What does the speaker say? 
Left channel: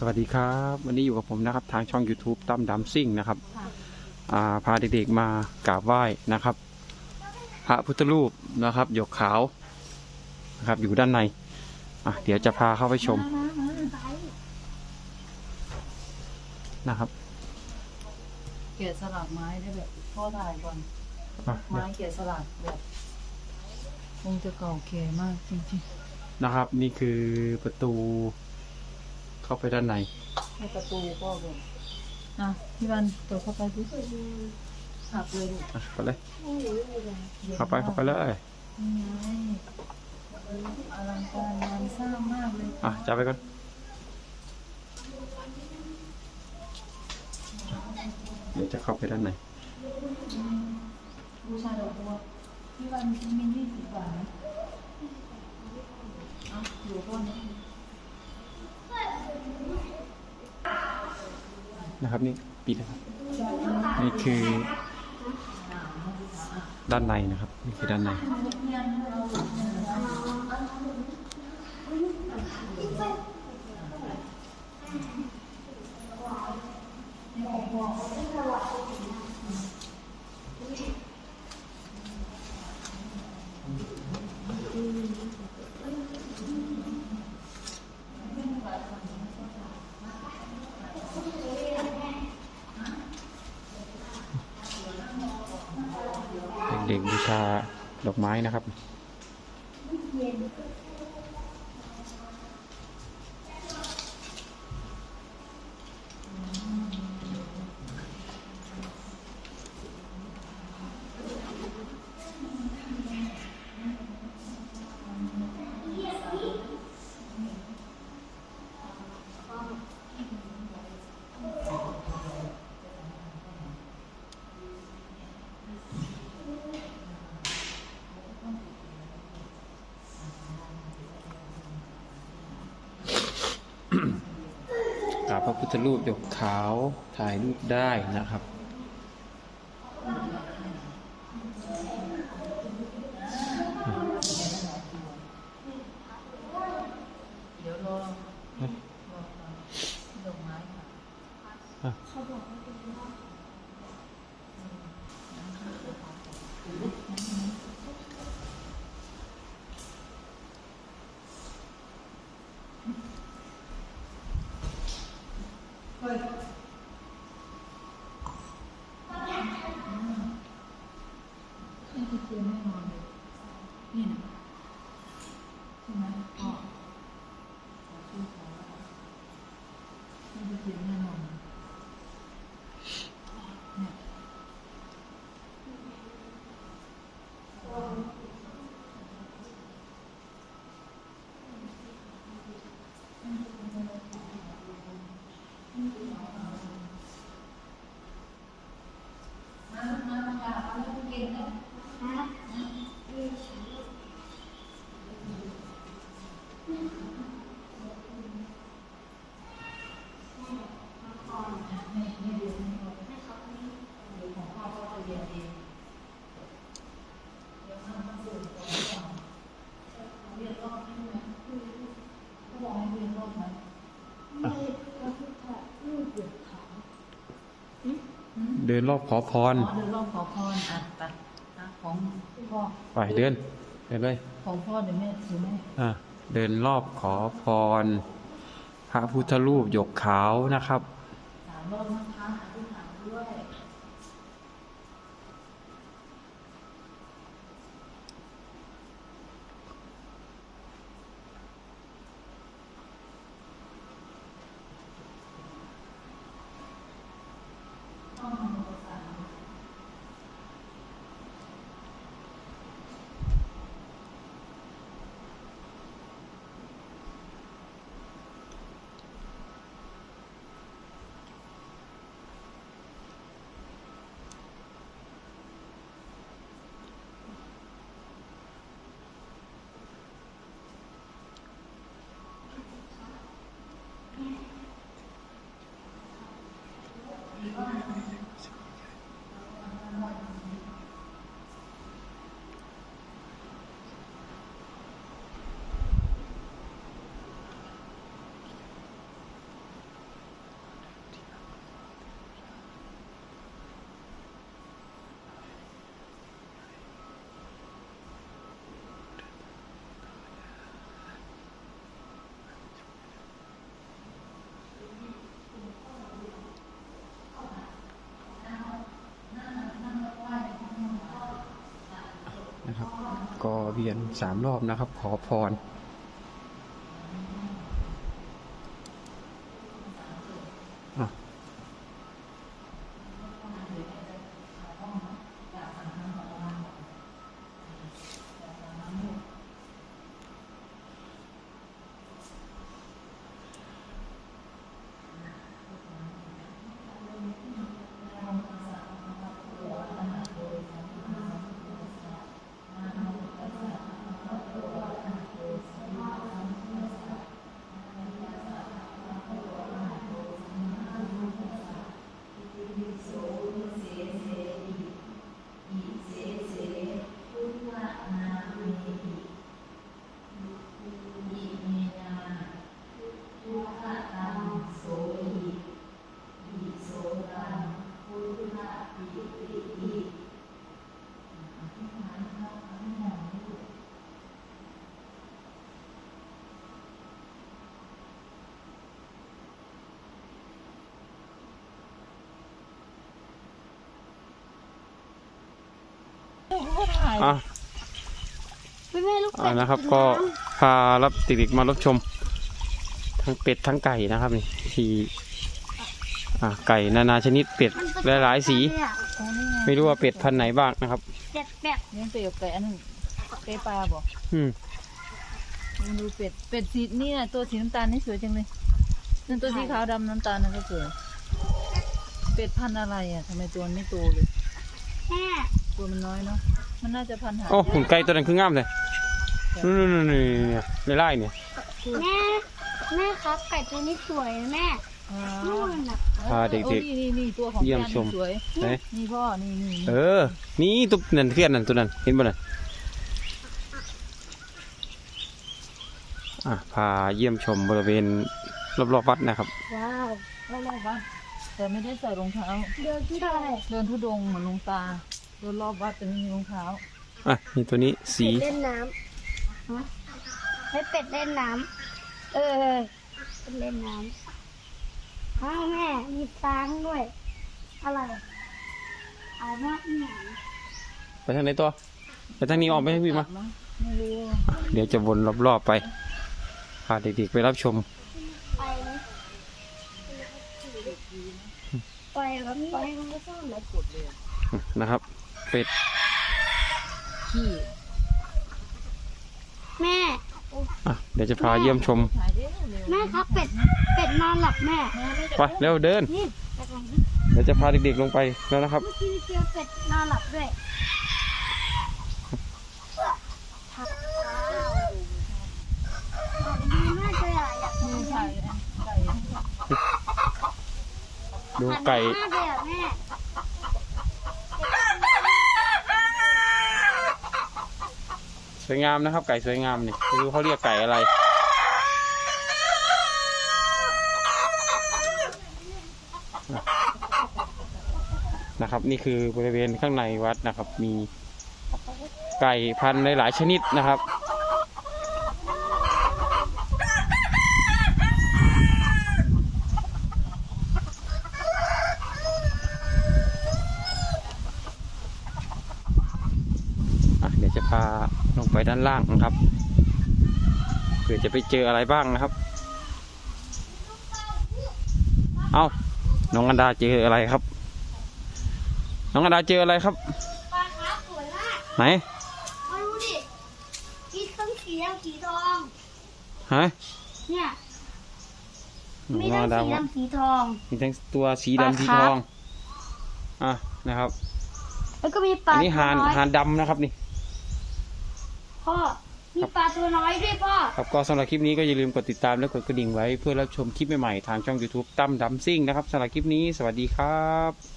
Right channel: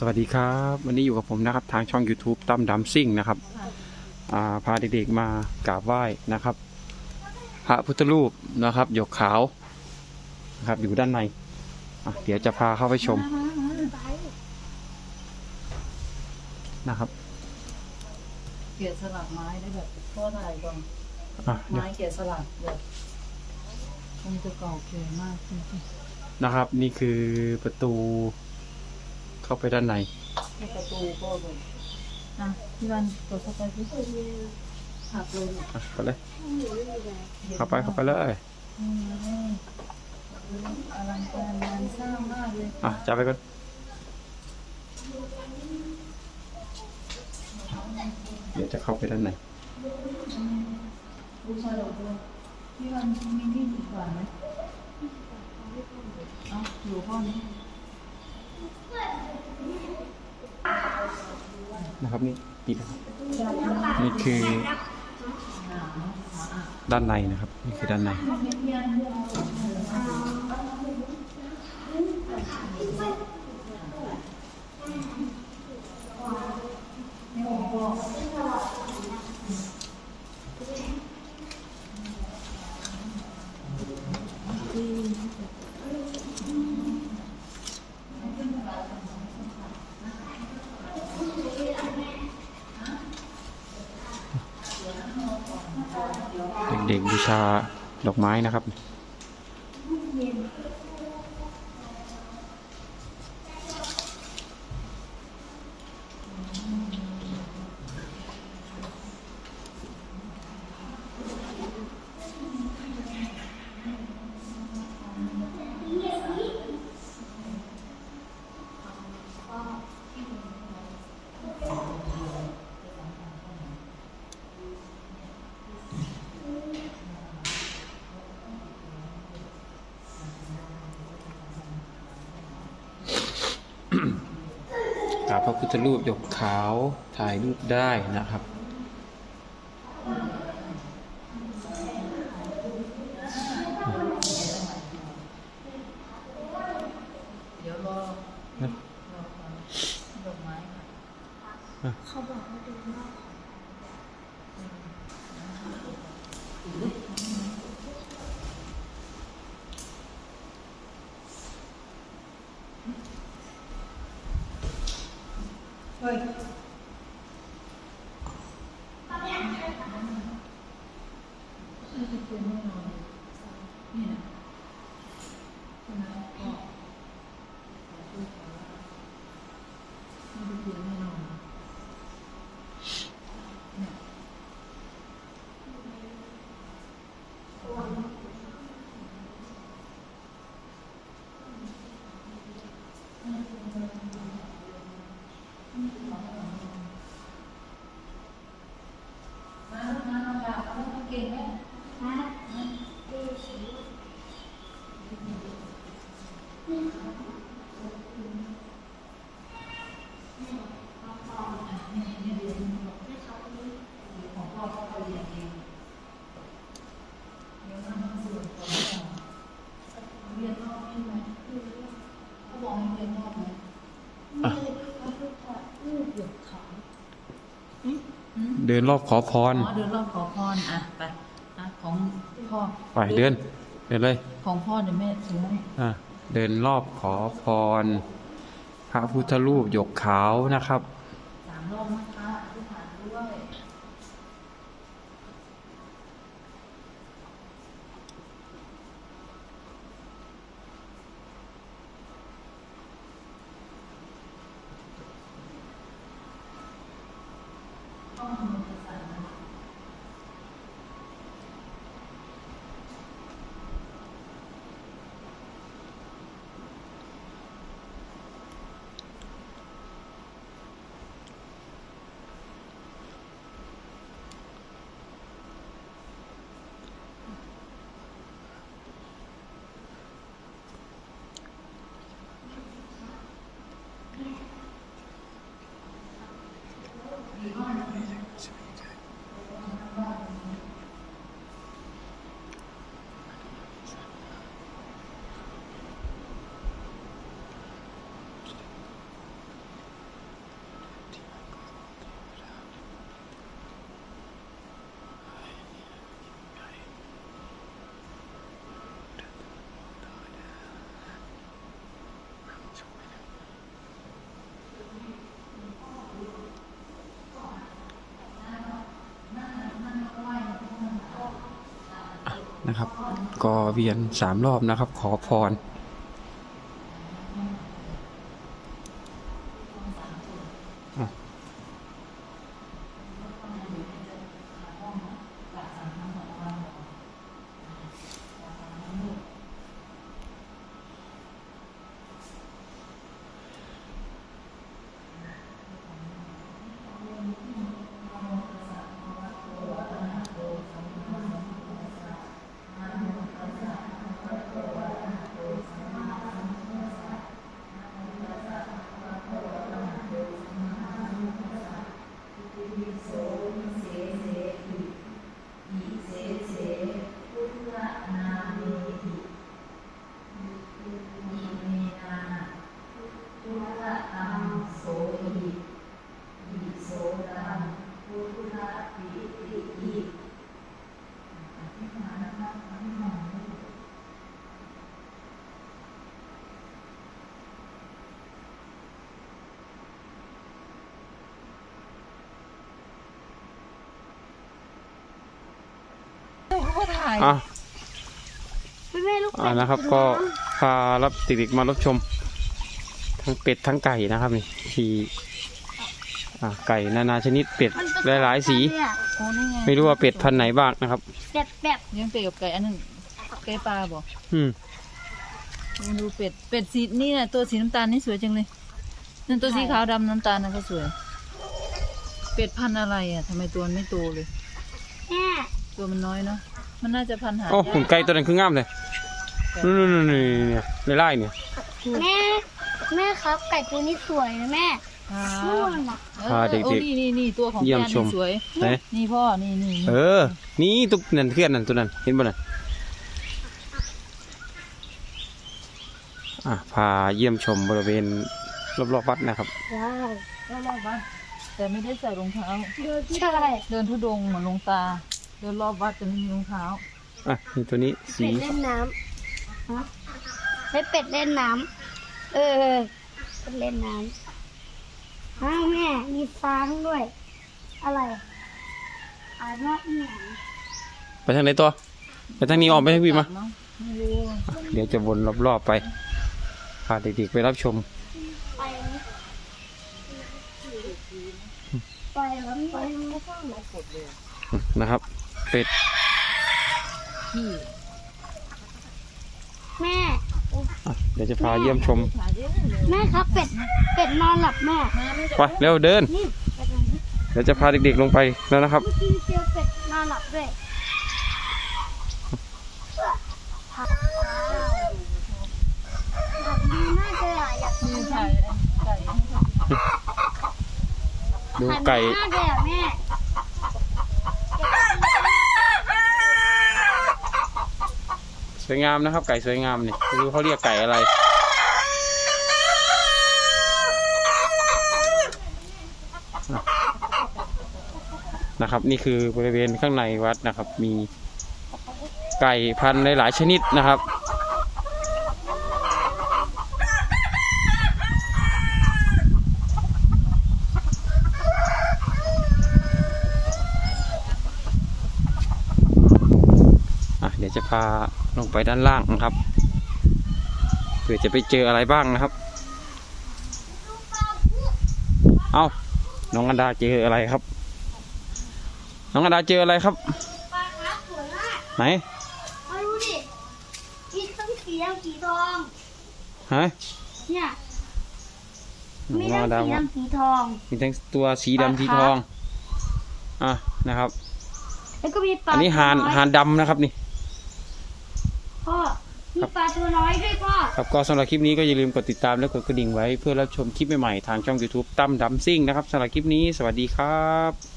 สวัสดีครับ วันนี้อยู่กับผมนะครับ ทางช่อง YouTube ตั้มดำซิ่งนะครับอ่าพาเด็กๆมากราบไหว้นะครับ พระพุทธรูปนะครับหยกขาวนะครับอยู่ด้านในอะเดี๋ยวจะพาเข้าไปชมนะครับ เกะสลักไม้ได้แบบพ่อถ่ายก่อนอะเดี๋ยวไม้เกะสลักแบบมันจะเก่าแก่มากจริงนะครับ นี่คือประตู เข้าไปด้านในๆให้ประตูก็แบบอะพี่รันเปิดเข้าไปสิหักเลยลูกอะไปเลย เข้าไปเข้าไปเลยนี่ไงอลังการงานสร้างมากเลยอะจับไปก่อนเดี๋ยวจะเข้าไปด้านในบูชาดอกบัวพี่รันมียี่สิบบาทไหมเอาอยู่พ่อนี้ นะครับนี่ปิดนะครับนี่คือด้านในนะครับ นี่คือด้านใน เด็กบูชาดอกไม้นะครับ พระพุทธรูปหยกขาวถ่ายรูปได้นะครับ เดี๋ยวรอนะรอก่อนดอกไม้ค่ะเขาบอกว่าดูรอบ เฮ้ยนี่คือเทียนแน่นอนนี่นะใช่ไหมพ่อนี่คือเทียนแน่นอนเนี่ย มาลูกมามากราบเอาลูกเก่งนะ นะดูสิ นี่นี่เรียนเดี๋ยวของพ่อพ่อก็เรียนเองเดี๋ยวนั่งสูตรก่อนก่อนเรียนรอบใช่ไหมเขาบอกให้เรียนรอบไหม นี่พระพุทธรูปหยกขาว เดินรอบขอพรอ๋อเดินรอบขอพรอะไปอะของพ่อไปเดินเดินเลย ของพ่อเนี่ยแม่ถือไหมอะเดินรอบขอพร พระพุทธรูปหยกขาวนะครับสามรอบนะคะอธิษฐานด้วย อ ก็เวียนสามรอบนะครับ ขอพร อะ ก็ ถ่ายอะไม่แม่ลูกอ่านะครับ ก็พารับเด็กๆมารับชม ทั้งเป็ดทั้งไก่นะครับนี่ที่อ่าไก่นานาชนิดเป็ดหลายๆสีโอ้นี่ไงไม่รู้ว่าเป็ดพันธุ์ไหนบ้างนะครับแบบแบบยังเป็ดกับไก่อันนั้นไก่ปลาบอกอืมมาดูเป็ดเป็ดสีนี่น่ะตัวสีน้ำตาลนี่สวยจังเลยนั่นตัวสีขาวดำน้ำตาลนั่นก็สวย เป็ดพันธุ์อะไรอะทำไมตัวมันไม่โตเลยแม่ตัวมันน้อยเนาะ มันน่าจะพันธุ์หาโอ้หุ่นไก่ตัวนั้นคืองามเลยนู่นๆๆๆเนี่ยไล่ๆเนี่ยแม่แม่ครับไก่ตัวนี้สวยนะแม่อ่านู่นน่ะพาเด็กๆโอ้นี่นี่นี่ตัวของเยี่ยมแกชมนี่สวยไหนนี่พ่อนี่นี่เออ นี่ตุ๊กนั่นเพื่อนนั่นตัวนั้น เห็นบ่น่ะอะพาเยี่ยมชมบริเวณรอบๆวัดนะครับ ว้าวรอบๆวัดแต่ไม่ได้ใส่รองเท้าเดินใช่ เดินทุดงค์เหมือนหลวงตา เดินรอบวัดแต่ไม่มีรองเท้าอะนี่ตัวนี้สีเป็ดเล่นน้ำฮะให้เป็ดเล่นน้ำเออเป็ดเล่นน้ำอ้าวแม่ มีฟางด้วย อะไรอ่านว่าอีหยังไปทางไหนตัวไปทางนี้ออกไปทางพี่มาเนอะไม่รู้อะเดี๋ยวจะวนรอบๆไปพาเด็กๆไปรับชม ไปไหมไปครับไปไม่ชอบเลยนะครับ เป็ด ขี้แม่ อะ เดี๋ยวจะพาเยี่ยมชมถ่ายได้เร็วแม่ครับเป็ด เป็ดนอนหลับแม่แม่ไม่ไปเร็วเดิน นี่เป็ดนอนหลับเดี๋ยวจะพาเด็กๆลงไปแล้วนะครับ เมื่อกี้เจอเป็ดนอนหลับด้วยแบบนี้น่าจะหลายอยากมีถ่ายไก่ดูไก่ มากเลยอะแม่ สวยงามนะครับ ไก่สวยงามนี่ไม่รู้เขาเรียกไก่อะไร นะครับ นี่คือบริเวณข้างในวัดนะครับ มีไก่พันธุ์หลายๆชนิดนะครับอะเดี๋ยวจะพา ลงไปด้านล่างนะครับเผื่อจะไปเจออะไรบ้างนะครับ เอาน้องอันดาเจออะไรครับ น้องอันดาเจออะไรครับปลาครับสวยมากไหนเอาดูดิมีต้องสีแดงสีทองฮะเนี่ยมีน้องทั้อังนดาสีบอกดำสีทอง มีทั้งตัวสีดำสีทองอะนะครับ แล้วก็มีปลาอันนี้หานตัวอยหานดำนะครับนี่ พ่อมีปลาตัวน้อยด้วยพ่อ ครับก็สำหรับคลิปนี้ก็อย่าลืมกดติดตามและกดกระดิ่งไว้เพื่อรับชมคลิปใหม่ๆทางช่อง YouTube ตั้มดำซิ่งนะครับสำหรับคลิปนี้สวัสดีครับ